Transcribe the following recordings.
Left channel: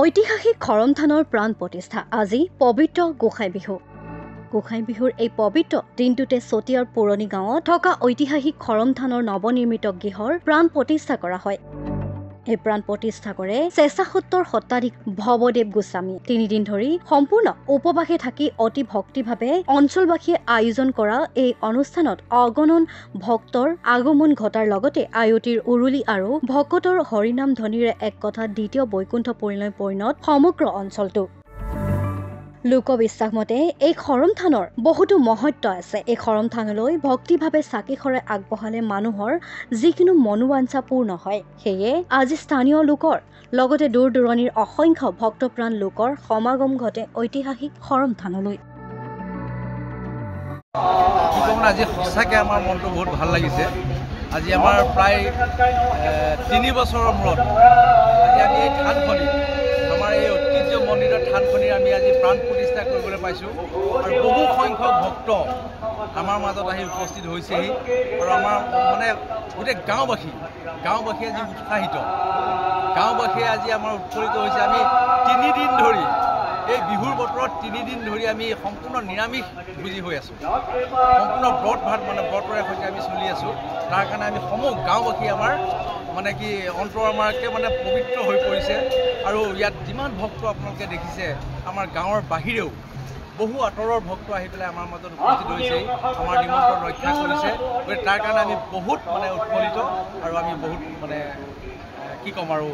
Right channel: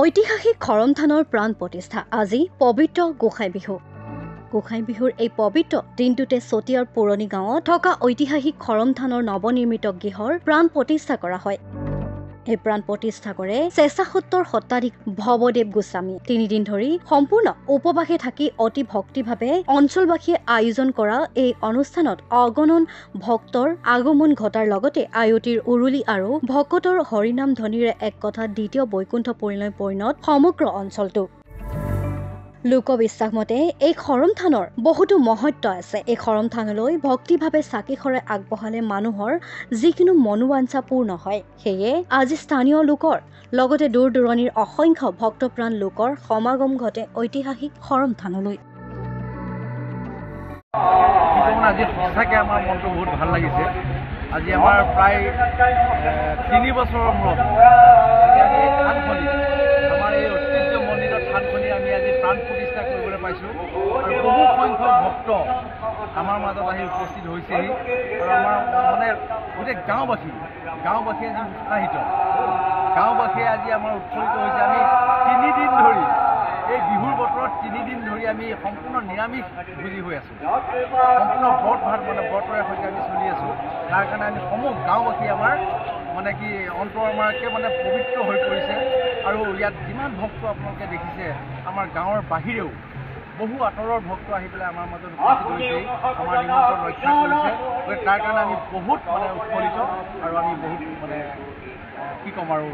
ঐতিহাসিক খৰম থানৰ প্ৰাণ প্ৰতিষ্ঠা আজি পবিত্ৰ গোসাই বিহু। গোসাই বিহুৰ এই পবিত্ৰ দিনটোতে চতিয়াৰ পুৰণি গাঁৱত থকা ঐতিহাসিক খৰম থানৰ নৱনিৰ্মিত গৃহৰ প্ৰাণ প্ৰতিষ্ঠা কৰা হয়। এই প্ৰাণ প্ৰতিষ্ঠা কৰে স্বেচ্ছাসত্তৰ শতাধিক ভৱদেৱ গোস্বামী। 3 দিন ধৰি সম্পূৰ্ণ উপবাসে থাকি অতি ভক্তিভাৱে অঞ্চলবাসীয়ে আয়োজন কৰা এই অনুষ্ঠানত অগণন ভক্তৰ আগমন ঘটাৰ লগতে আয়তিৰ উৰুলি আৰু ভকতৰ হৰিনাম ধ্বনিৰে এক কথা দ্বিতীয় বৈকুণ্ঠ পুৰীলৈ পৰিণত সমগ্ৰ অঞ্চলটো। লোকবিশ্বাস মতে এই খৰম থানৰ বহুতো মহত্ব আছে। এই খৰম থানলৈ ভক্তিভাৱে চাকি খৰাই আগবঢ়ালে মানুহৰ যিকোনো মনোবাঞ্ছা পূৰ্ণ হয়। সেয়ে আজি স্থানীয় লোকৰ লগতে দূৰ দূৰণিৰ অসংখ্য ভক্তপ্ৰাণ লোকৰ সমাগম ঘটে ঐতিহাসিক খৰম থানলৈ। আজি সঁচাকৈ আমাৰ মনটো বহুত ভাল লাগিছে। আজি আমাৰ প্ৰায় 3 বছৰৰ মূৰত আমি এই থানখনি আমাৰ এই ঐতিহ্যমণ্ডিত থানখনি আমি আজি প্ৰাণ প্ৰতিষ্ঠা কৰিবলৈ পাইছোঁ আৰু বহু সংখ্যক ভক্ত আমাৰ মাজত আহি উপস্থিত হৈছেহি আৰু আমাৰ মানে গোটেই গাঁওবাসী আজি উৎসাহিত। গাঁওবাসীয়ে আজি আমাৰ উৎফুল্লিত হৈছে। আমি 3 দিন ধৰি এই বিহুৰ বতৰত 3 দিন ধৰি আমি সম্পূৰ্ণ নিৰামিষ ভোজী হৈ আছোঁ। সম্পূৰ্ণ ব্ৰতৰে সৈতে আমি চলি আছোঁ। তাৰ কাৰণে আমি সমূহ গাঁওবাসী আমাৰ কি অন্তৰ আমাৰকে পবিত্ৰ হৈ পৰিছে আৰু ইয়াত যিমান ভক্ত আপোনালোকে দেখিছে আমাৰ গাঁৱৰ বাহিৰেও বহু আঁতৰৰ ভক্ত আহি পেলাই আমাৰ মাজত উপস্থিত হৈছে, আমাৰ নিমন্ত্ৰণ ৰক্ষা কৰিছে। গতিকে তাৰ কাৰণে আমি বহুত উৎফুল্লিত আৰু আমি বহুত কি ক'ম আৰু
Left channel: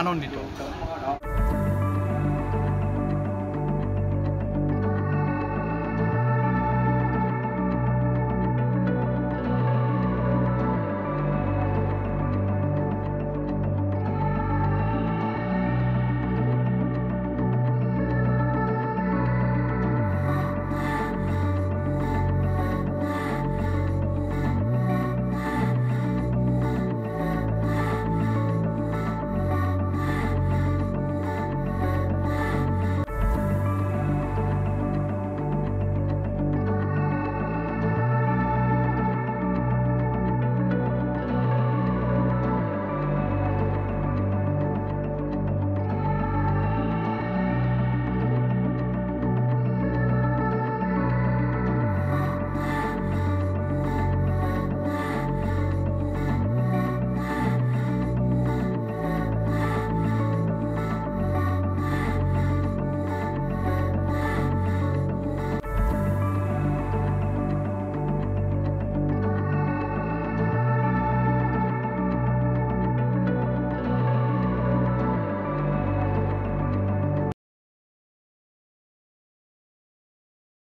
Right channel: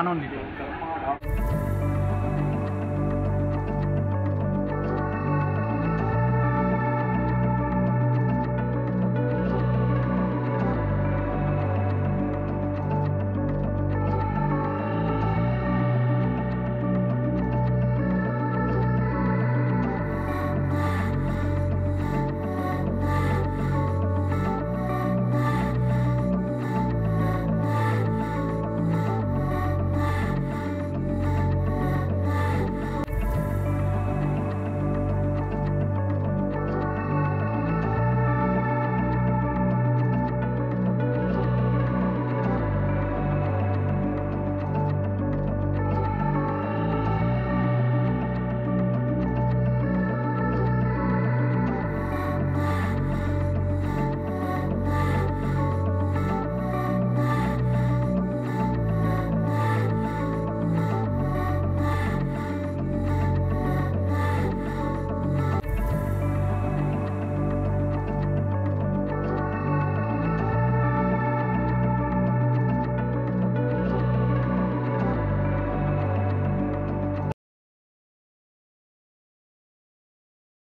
আনন্দিত।